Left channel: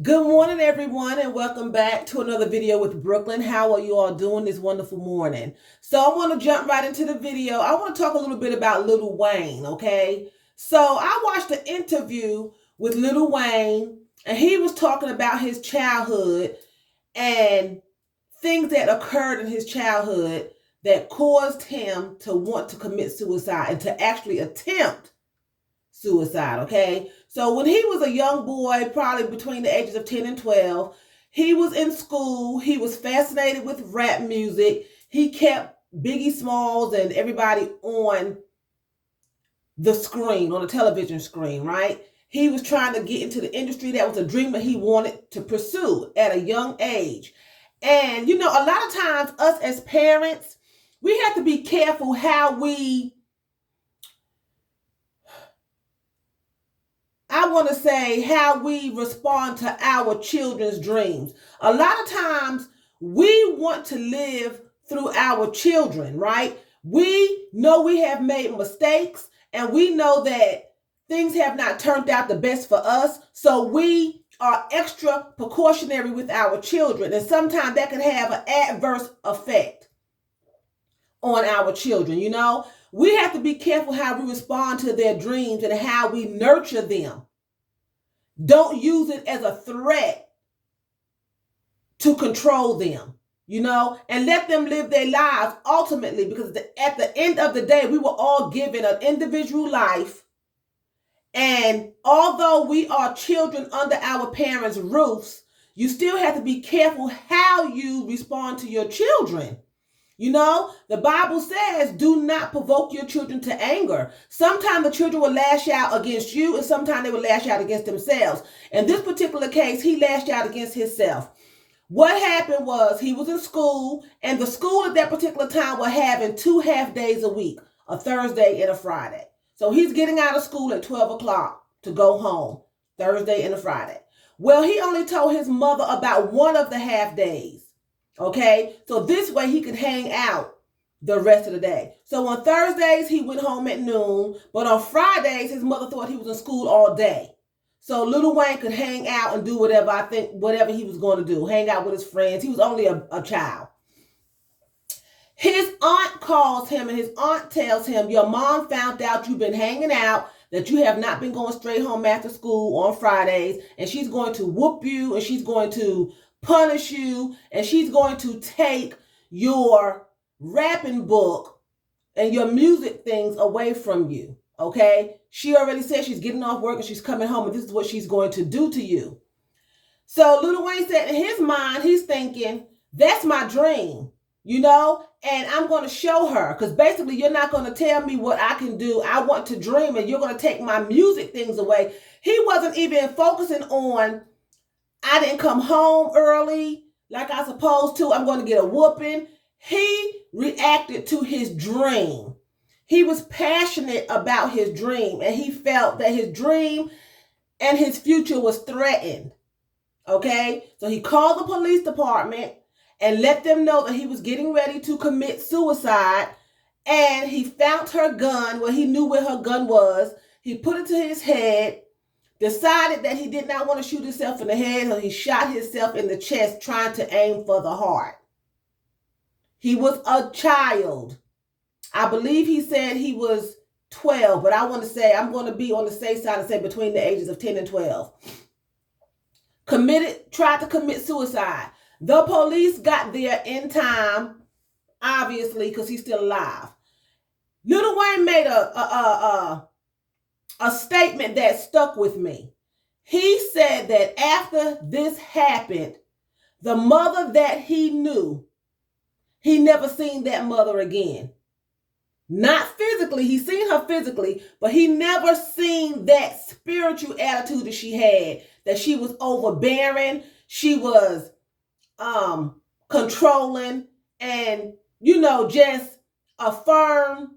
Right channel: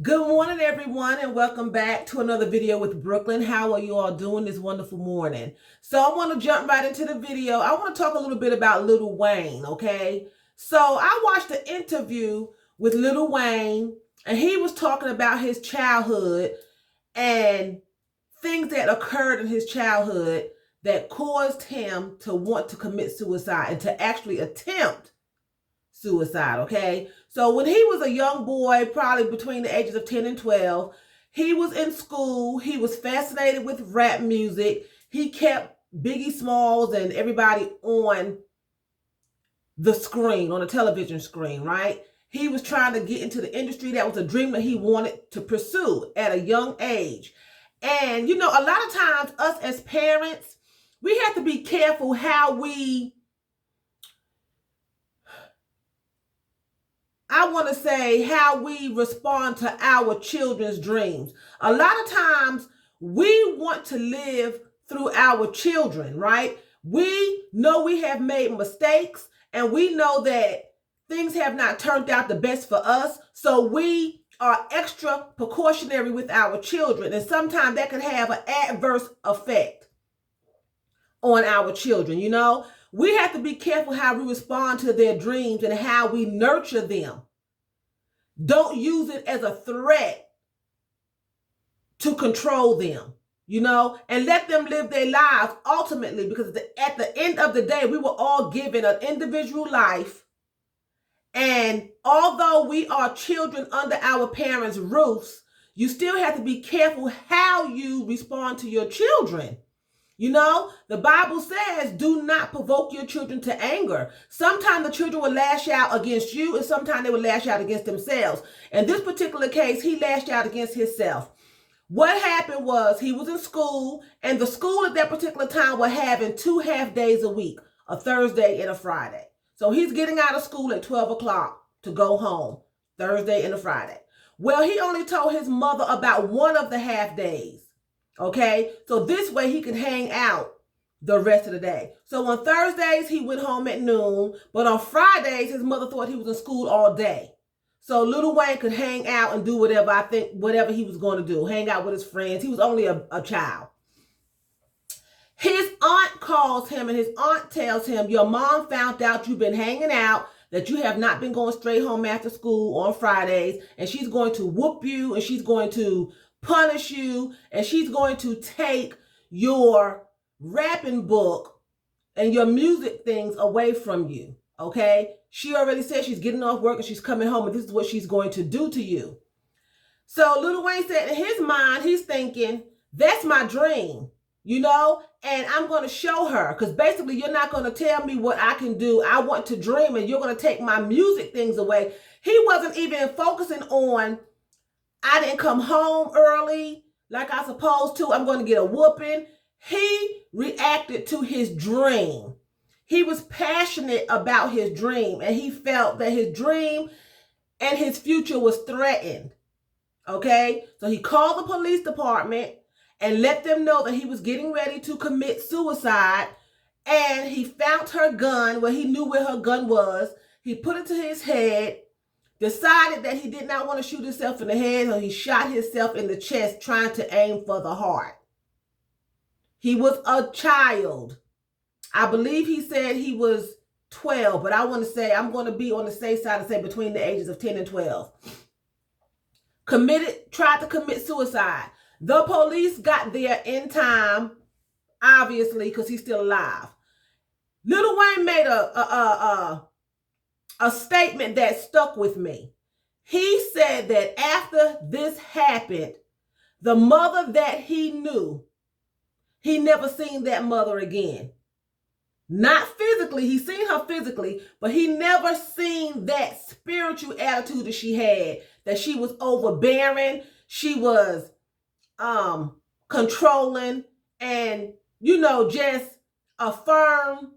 Good morning, everyone, and welcome back to another video with Brooklyn. How are you all doing this wonderful morning? So I want to jump right into the video. I want to talk a little bit about Lil Wayne, okay? So I watched an interview with Lil Wayne, and he was talking about his childhood and things that occurred in his childhood that caused him to want to commit suicide and to actually attempt suicide, okay? So when he was a young boy, probably between the ages of 10 and 12, he was in school. He was fascinated with rap music. He kept Biggie Smalls and everybody on the screen, on the television screen, right? He was trying to get into the industry. That was a dream that he wanted to pursue at a young age. And, a lot of times us as parents, we have to be careful how how we respond to our children's dreams. A lot of times we want to live through our children, right? We know we have made mistakes and we know that things have not turned out the best for us. So we are extra precautionary with our children. And sometimes that can have an adverse effect on our children. We have to be careful how we respond to their dreams and how we nurture them. Don't use it as a threat to control them, and let them live their lives ultimately, because at the end of the day, we were all given an individual life. And although we are children under our parents' roofs, you still have to be careful how you respond to your children. The Bible says, do not provoke your children to anger. Sometimes the children will lash out against you, and sometimes they will lash out against themselves. In this particular case, he lashed out against himself. What happened was he was in school, and the school at that particular time were having 2 half days a week, a Thursday and a Friday. So he's getting out of school at 12 o'clock to go home, Thursday and a Friday. Well, he only told his mother about one of the half days. Okay, so this way he could hang out the rest of the day. So on Thursdays, he went home at noon, but on Fridays, his mother thought he was in school all day. So Lil Wayne could hang out and do whatever he was going to do, hang out with his friends. He was only a child. His aunt calls him, and his aunt tells him, your mom found out you've been hanging out, that you have not been going straight home after school on Fridays, and she's going to whoop you, and she's going to punish you, and she's going to take your rapping book and your music things away from you. Okay, she already said she's getting off work and she's coming home, and this is what she's going to do to you. So Lil Wayne said in his mind, he's thinking, that's my dream, and I'm going to show her, because basically you're not going to tell me what I can do. I want to dream, and you're going to take my music things away. He wasn't even focusing on, I didn't come home early like I supposed to, I'm going to get a whooping. He reacted to his dream. He was passionate about his dream, and he felt that his dream and his future was threatened. Okay, so he called the police department and let them know that he was getting ready to commit suicide. And he found her gun, where he knew where her gun was. He put it to his head, decided that he did not want to shoot himself in the head, so he shot himself in the chest, trying to aim for the heart. He was a child. I believe he said he was 12, but I'm going to be on the safe side and say between the ages of 10 and 12. Tried to commit suicide. The police got there in time, obviously, because he's still alive. Lil Wayne made a statement that stuck with me. He said that after this happened, the mother that he knew, he never seen that mother again. Not physically, he seen her physically, but he never seen that spiritual attitude that she had, that she was overbearing, she was controlling, and, just a firm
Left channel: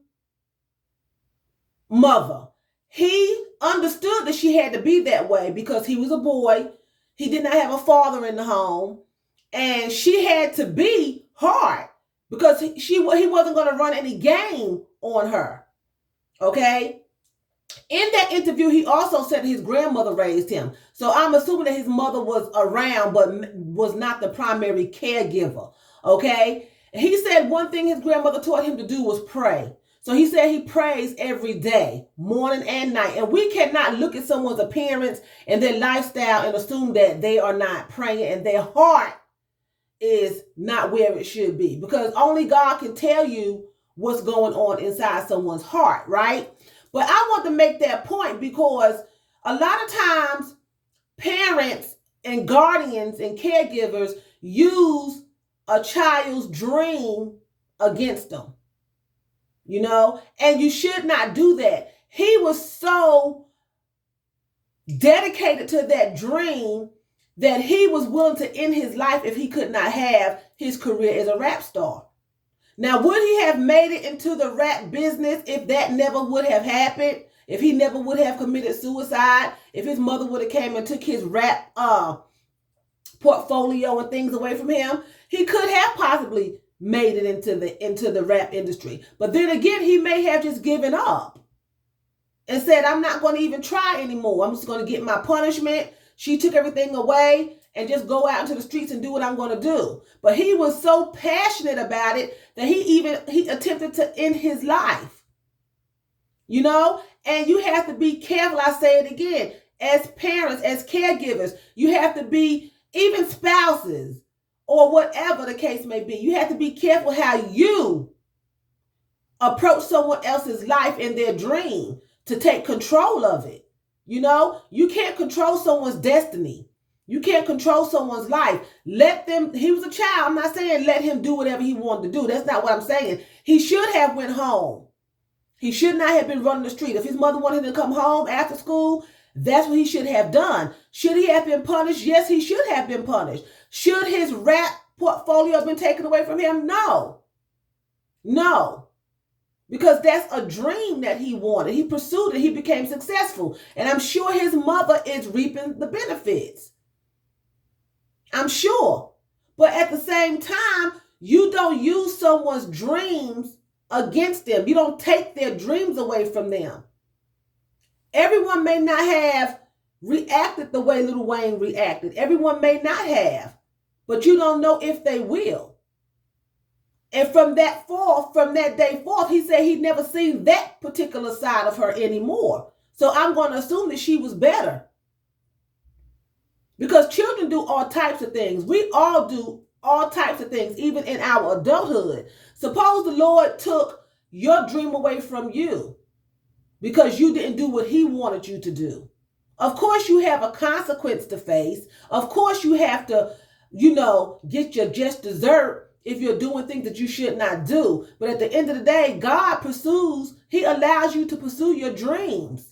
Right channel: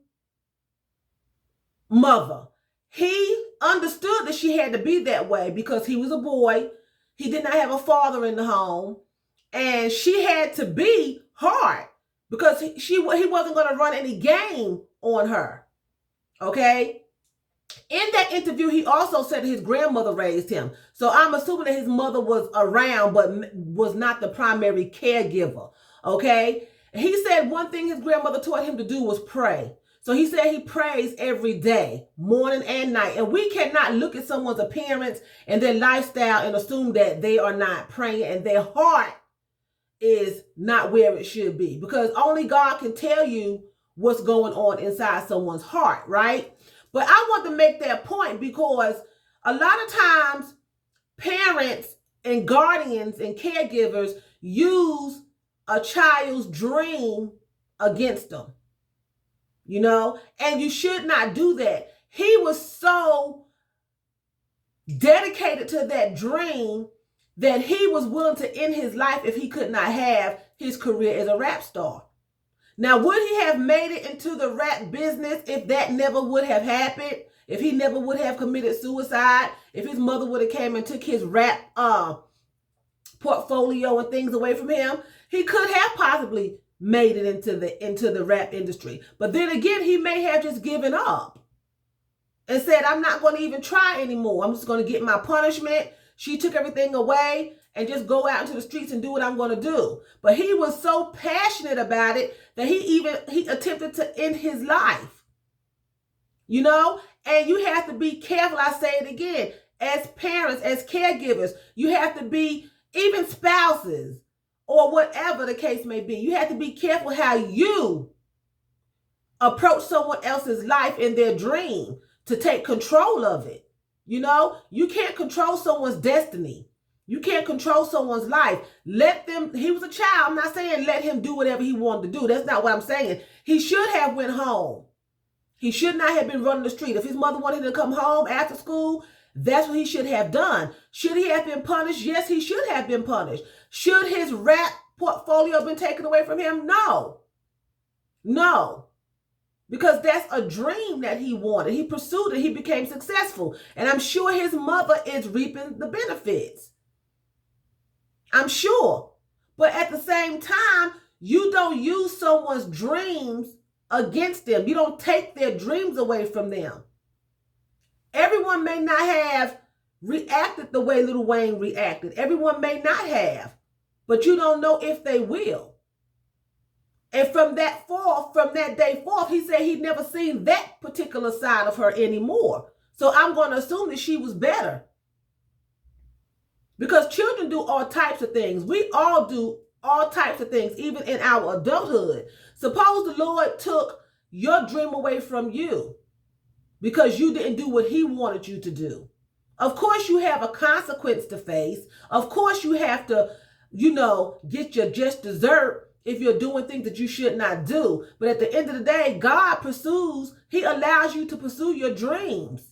mother. He understood that she had to be that way because he was a boy. He did not have a father in the home, and she had to be hard because he wasn't going to run any game on her. Okay? In that interview, he also said his grandmother raised him. So I'm assuming that his mother was around, but was not the primary caregiver. Okay? He said one thing his grandmother taught him to do was pray. So he said he prays every day, morning and night. And we cannot look at someone's appearance and their lifestyle and assume that they are not praying and their heart is not where it should be. Because only God can tell you what's going on inside someone's heart, right? But I want to make that point because a lot of times parents and guardians and caregivers use a child's dream against them, you know, and you should not do that. He was so dedicated to that dream that he was willing to end his life if he could not have his career as a rap star. Now, would he have made it into the rap business if that never would have happened? If he never would have committed suicide? If his mother would have came and took his rap portfolio and things away from him? He could have possibly made it into the rap industry. But then again, he may have just given up and said, I'm not going to even try anymore. I'm just going to get my punishment. She took everything away and just go out into the streets and do what I'm going to do. But he was so passionate about it that he attempted to end his life. You know, and you have to be careful. I say it again, as parents, as caregivers, you have to be, even spouses or whatever the case may be, you have to be careful how you approach someone else's life and their dream to take control of it. You know, you can't control someone's destiny. You can't control someone's life. Let them, he was a child. I'm not saying let him do whatever he wanted to do. That's not what I'm saying. He should have went home. He should not have been running the street. If his mother wanted him to come home after school, that's what he should have done. Should he have been punished? Yes, he should have been punished. Should his rap portfolio have been taken away from him? No. No. Because that's a dream that he wanted. He pursued it. He became successful. And I'm sure his mother is reaping the benefits. I'm sure. But at the same time, you don't use someone's dreams against them. You don't take their dreams away from them. Everyone may not have reacted the way Lil Wayne reacted. Everyone may not have. But you don't know if they will. And from that day forth, he said he'd never seen that particular side of her anymore. So I'm going to assume that she was better. Because children do all types of things. We all do all types of things, even in our adulthood. Suppose the Lord took your dream away from you because you didn't do what he wanted you to do. Of course, you have a consequence to face. Of course, you have to, get your just dessert if you're doing things that you should not do. But at the end of the day, God pursues, he allows you to pursue your dreams.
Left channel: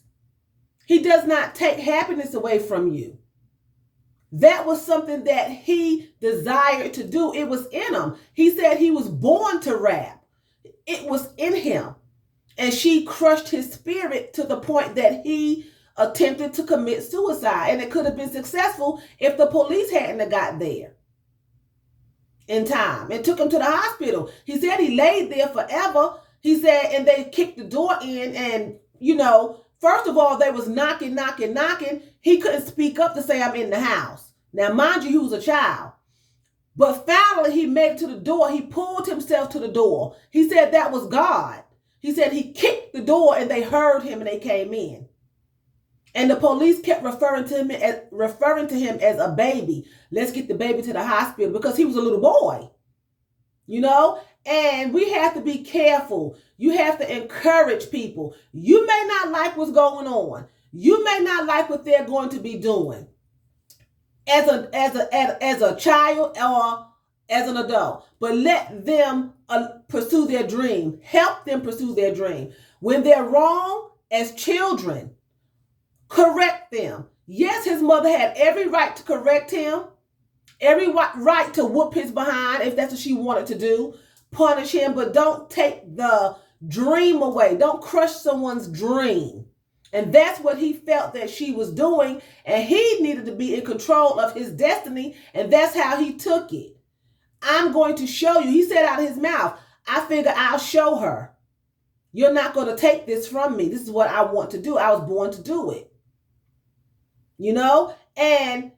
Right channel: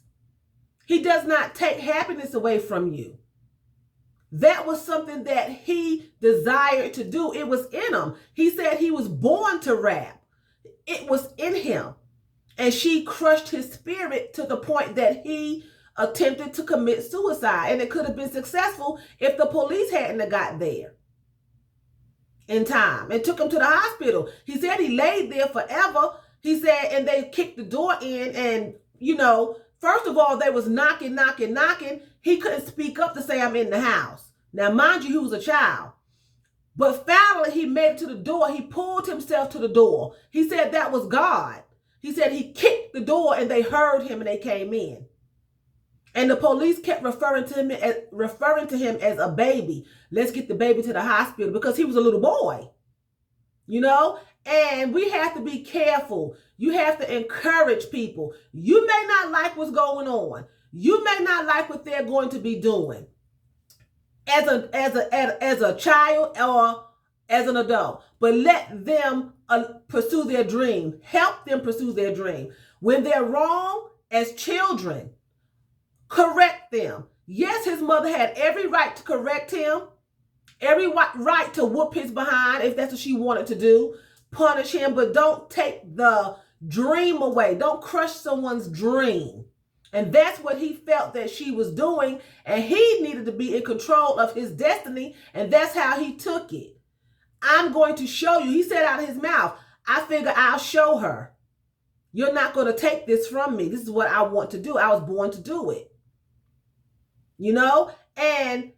He does not take happiness away from you. That was something that he desired to do. It was in him. He said he was born to rap. It was in him. And she crushed his spirit to the point that he attempted to commit suicide. And it could have been successful if the police hadn't got there in time and took him to the hospital. He said he laid there forever. He said, and they kicked the door in and, first of all, they was knocking. He couldn't speak up to say, I'm in the house. Now, mind you, he was a child. But finally, he made it to the door. He pulled himself to the door. He said that was God. He said he kicked the door and they heard him and they came in. And the police kept referring to him as a baby. Let's get the baby to the hospital because he was a little boy, And we have to be careful. You have to encourage people. You may not like what's going on. You may not like what they're going to be doing as a child or as an adult. But let them pursue their dream. Help them pursue their dream. When they're wrong as children, correct them. Yes, his mother had every right to correct him. Every right to whoop his behind if that's what she wanted to do. Punish him, but don't take the dream away. Don't crush someone's dream. And that's what he felt that she was doing. And he needed to be in control of his destiny. And that's how he took it. I'm going to show you. He said out of his mouth, I figure I'll show her. You're not going to take this from me. This is what I want to do. I was born to do it. You know? And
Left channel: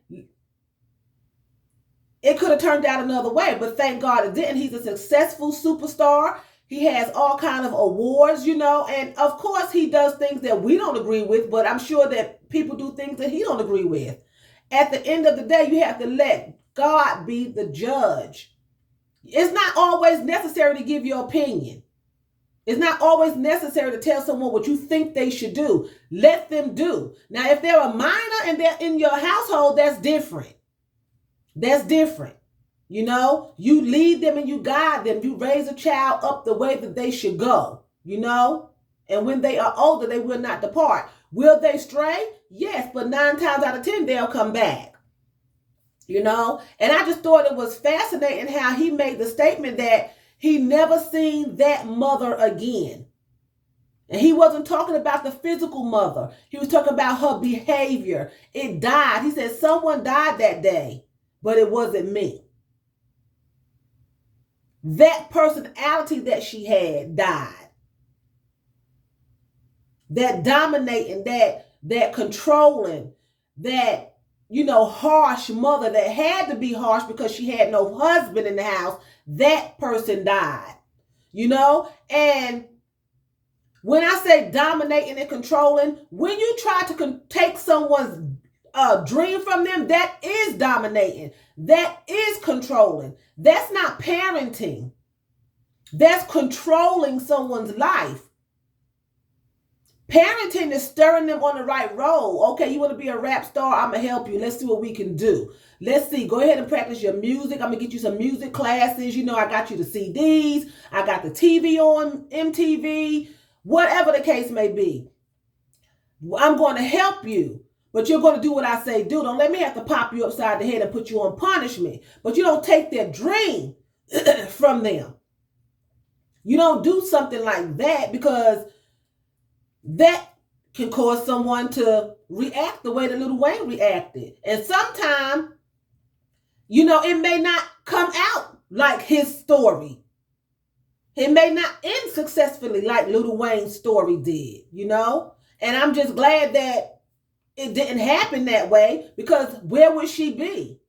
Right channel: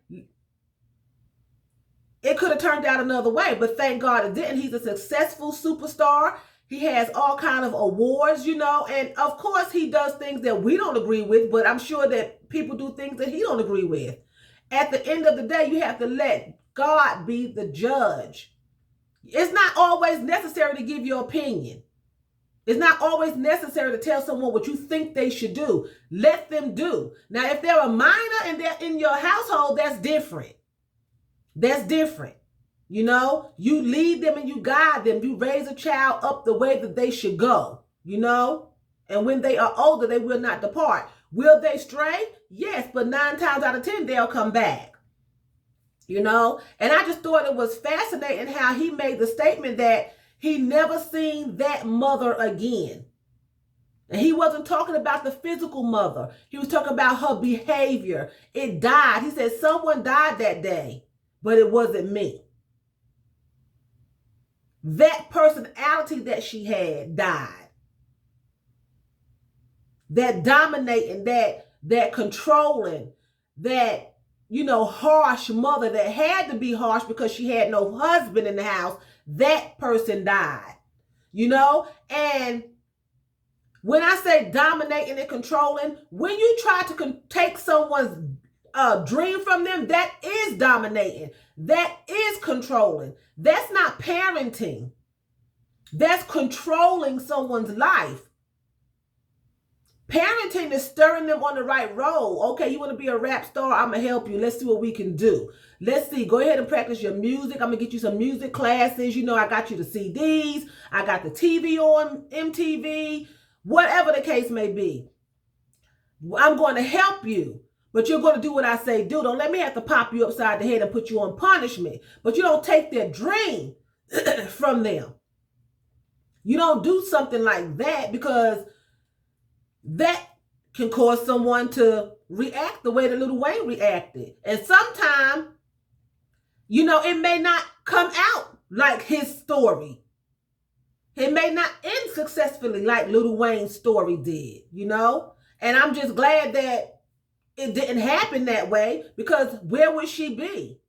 it could have turned out another way, but thank God it didn't. He's a successful superstar. He has all kind of awards, you know, and of course he does things that we don't agree with, but I'm sure that people do things that he don't agree with. At the end of the day, you have to let God be the judge. It's not always necessary to give your opinion. It's not always necessary to tell someone what you think they should do. Let them do. Now, if they're a minor and they're in your household, that's different. That's different. You know, you lead them and you guide them. You raise a child up the way that they should go, you know, and when they are older, they will not depart. Will they stray? Yes, but 9 times out of 10, they'll come back, you know, and I just thought it was fascinating how he made the statement that he never seen that mother again. And he wasn't talking about the physical mother. He was talking about her behavior. It died. He said someone died that day, but it wasn't me. That personality that she had died. That dominating, that controlling, that, you know, harsh mother that had to be harsh because she had no husband in the house, that person died, you know? And when I say dominating and controlling, when you try to take someone's dream from them, that is dominating. That is controlling. That's not parenting. That's controlling someone's life. Parenting is stirring them on the right road. Okay, you want to be a rap star? I'm going to help you. Let's see what we can do. Let's see. Go ahead and practice your music. I'm going to get you some music classes. You know, I got you the CDs. I got the TV on MTV. Whatever the case may be. I'm going to help you. But you're going to do what I say do. Don't let me have to pop you upside the head and put you on punishment. But you don't take their dream from them. You don't do something like that, because that can cause someone to react the way that Lil Wayne reacted. And sometimes, you know, it may not come out like his story. It may not end successfully like Lil Wayne's story did, you know? And I'm just glad that it didn't happen that way, because where would she be?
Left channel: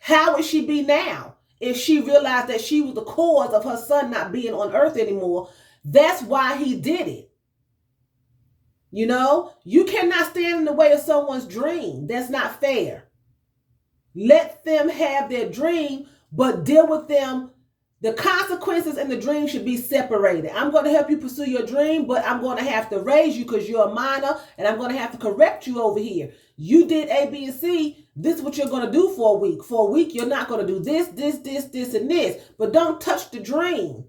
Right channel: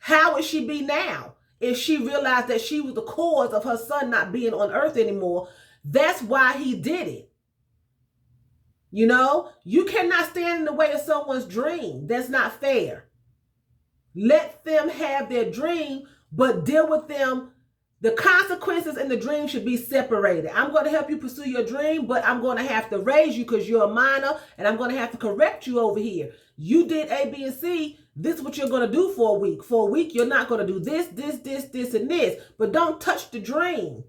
How would she be now if she realized that she was the cause of her son not being on earth anymore? That's why he did it. You know, you cannot stand in the way of someone's dream. That's not fair. Let them have their dream, but deal with them. The consequences and the dream should be separated. I'm going to help you pursue your dream, but I'm going to have to raise you because you're a minor, and I'm going to have to correct you over here. You did A, B, and C. This is what you're going to do for a week. For a week, you're not going to do this, and this. But don't touch the dream,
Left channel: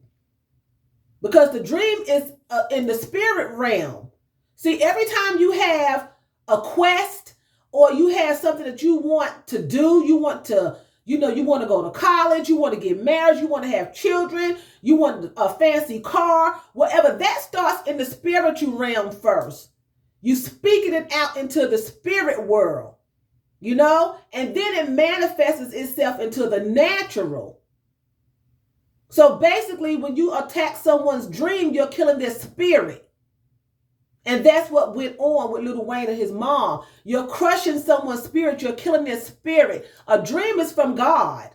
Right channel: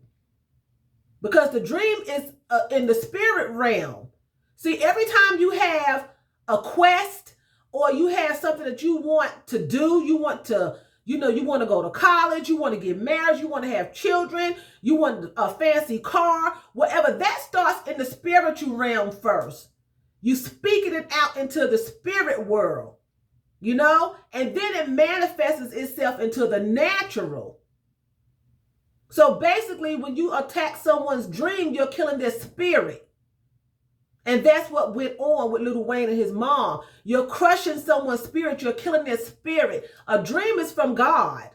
because the dream is in the spirit realm. See, every time you have a quest or you have something that you want to do, you want to, you know, you want to go to college, you want to get married, you want to have children, you want a fancy car, whatever, that starts in the spiritual realm first. You speaking it out into the spirit world, you know, and then it manifests itself into the natural. So basically, when you attack someone's dream, you're killing their spirit. And that's what went on with Lil Wayne and his mom. You're crushing someone's spirit. You're killing their spirit. A dream is from God.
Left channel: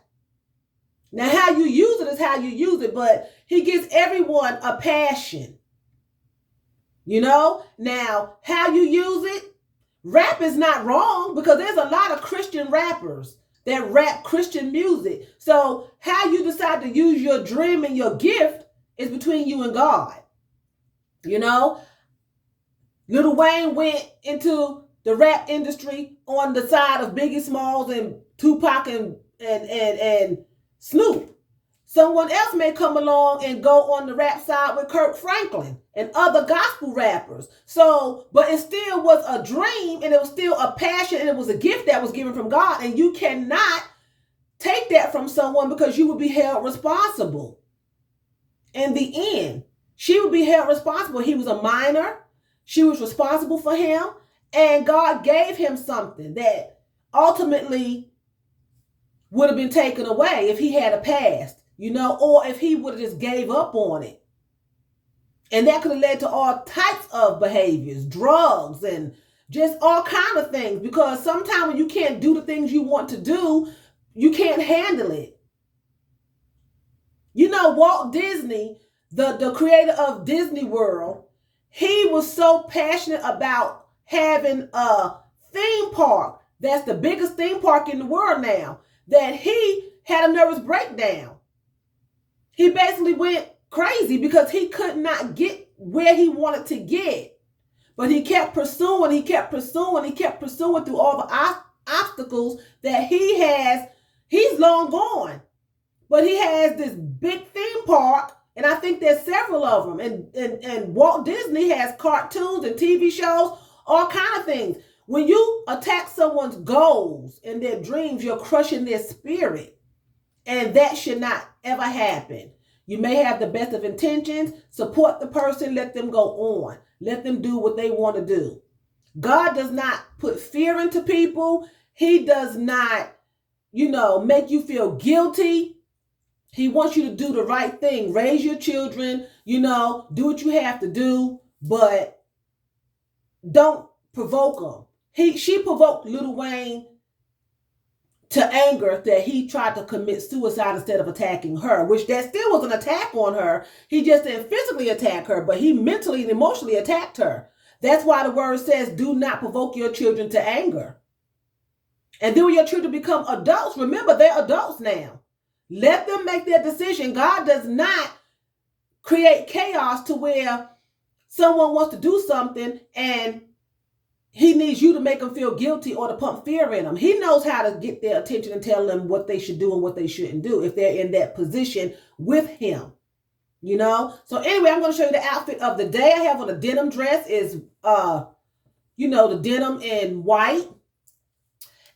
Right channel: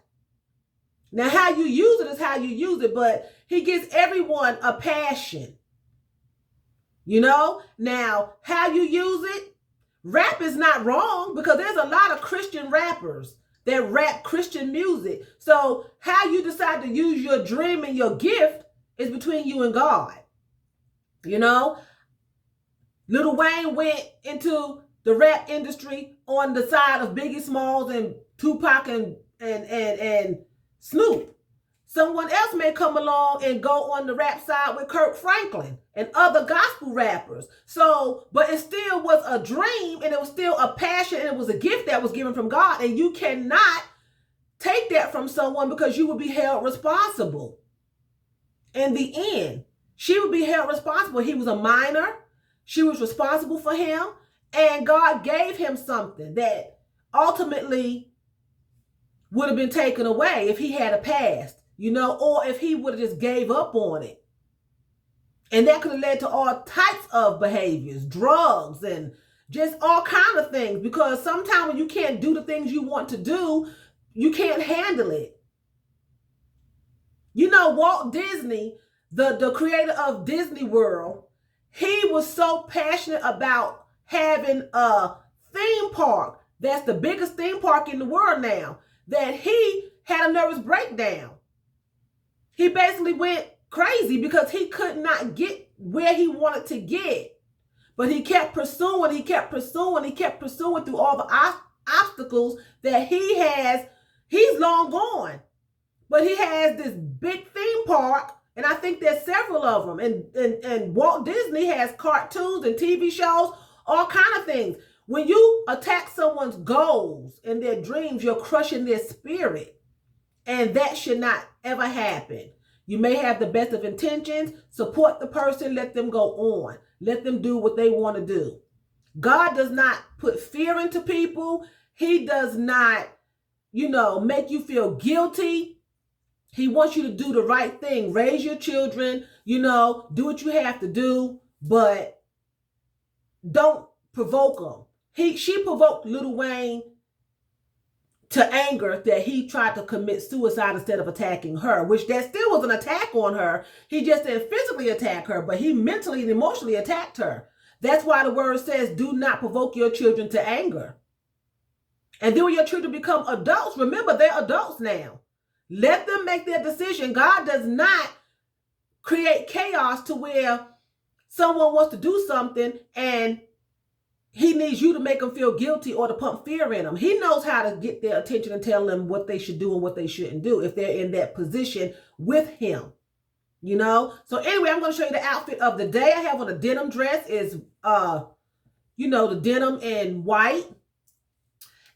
Now, how you use it is how you use it, but he gives everyone a passion. You know? Now, how you use it, rap is not wrong, because there's a lot of Christian rappers that rap Christian music. So how you decide to use your dream and your gift is between you and God. You know? Lil Wayne went into the rap industry on the side of Biggie Smalls and Tupac and Snoop. Someone else may come along and go on the rap side with Kirk Franklin and other gospel rappers. So, but it still was a dream, and it was still a passion, and it was a gift that was given from God. And you cannot take that from someone, because you will be held responsible. In the end, she would be held responsible. He was a minor. She was responsible for him, and God gave him something that ultimately would have been taken away if he had a past, you know, or if he would have just gave up on it. And that could have led to all types of behaviors, drugs, and just all kind of things. Because sometimes when you can't do the things you want to do, you can't handle it. You know, Walt Disney, the creator of Disney World, he was so passionate about having a theme park that's the biggest theme park in the world now, that he had a nervous breakdown. He basically went crazy because he could not get where he wanted to get. But he kept pursuing, he kept pursuing through all the obstacles that he has. He's long gone. But he has this big theme park, and I think there's several of them. And Walt Disney has cartoons and TV shows, all kind of things. When you attack someone's goals and their dreams, you're crushing their spirit. And that should not ever happen. You may have the best of intentions. Support the person. Let them go on. Let them do what they want to do. God does not put fear into people. He does not, make you feel guilty. He wants you to do the right thing. Raise your children, do what you have to do, but don't provoke them. She provoked Lil Wayne to anger that he tried to commit suicide instead of attacking her, which that still was an attack on her. He just didn't physically attack her, but he mentally and emotionally attacked her. That's why the word says, do not provoke your children to anger. And then when your children become adults, remember they're adults now. Let them make their decision. God does not create chaos to where someone wants to do something and he needs you to make them feel guilty or to pump fear in them. He knows how to get their attention and tell them what they should do and what they shouldn't do if they're in that position with him. So anyway, I'm going to show you the outfit of the day. I have on a denim dress. Is the denim in white.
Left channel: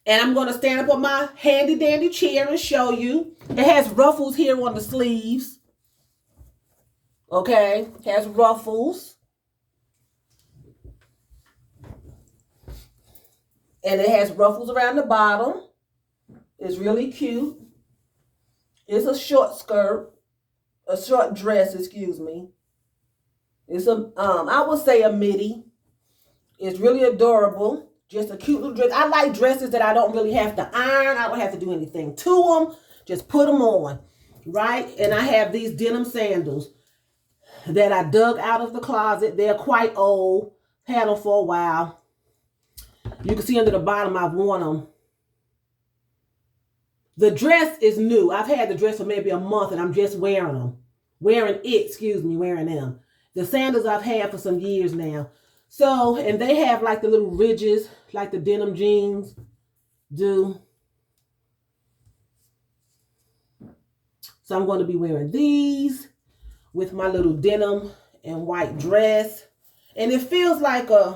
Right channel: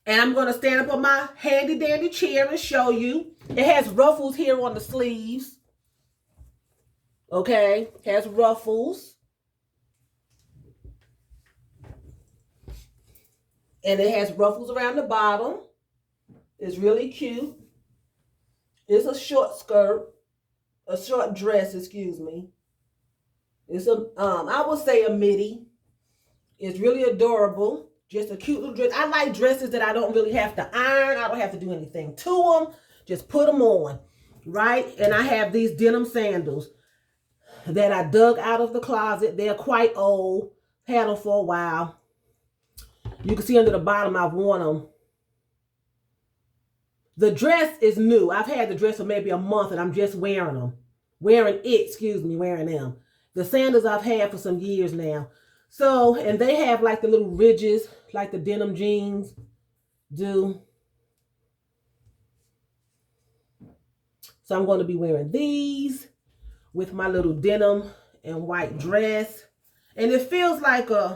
And I'm going to stand up on my handy dandy chair and show you. It has ruffles here on the sleeves. Okay, it has ruffles. And it has ruffles around the bottom. It's really cute. It's a short skirt. A short dress, excuse me. It's I would say a midi. It's really adorable. Just a cute little dress. I like dresses that I don't really have to iron. I don't have to do anything to them. Just put them on, right? And I have these denim sandals that I dug out of the closet. They're quite old. Had them for a while. You can see under the bottom I've worn them. The dress is new. I've had the dress for maybe a month and I'm just wearing them. Wearing them. The sandals I've had for some years now. So, and they have like the little ridges, like the denim jeans do. So I'm going to be wearing these with my little denim and white dress. And it feels like I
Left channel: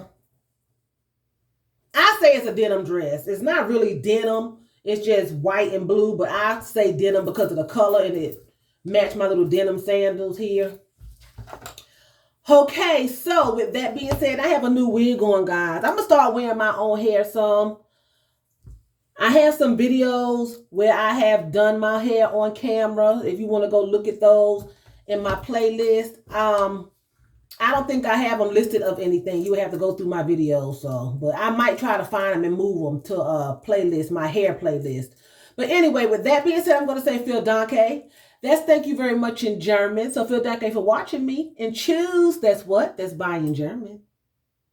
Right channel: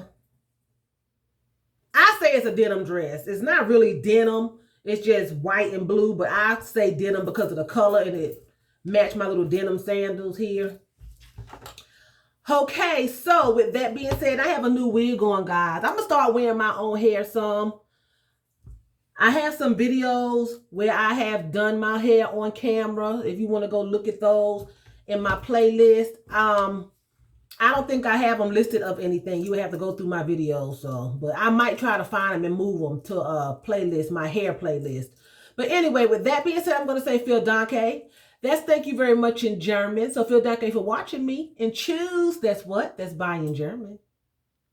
say it's a denim dress. It's not really denim. It's just white and blue, but I say denim because of the color and it matched my little denim sandals here. Okay, so with that being said, I have a new wig on, guys. I'm going to start wearing my own hair some. I have some videos where I have done my hair on camera. If you want to go look at those in my playlist. I don't think I have them listed of anything. You would have to go through my videos. But I might try to find them and move them to a playlist, my hair playlist. But anyway, with that being said, I'm going to say vielen Dank. That's thank you very much in German. So vielen Dank for watching me. And choose, that's what? That's bye in German.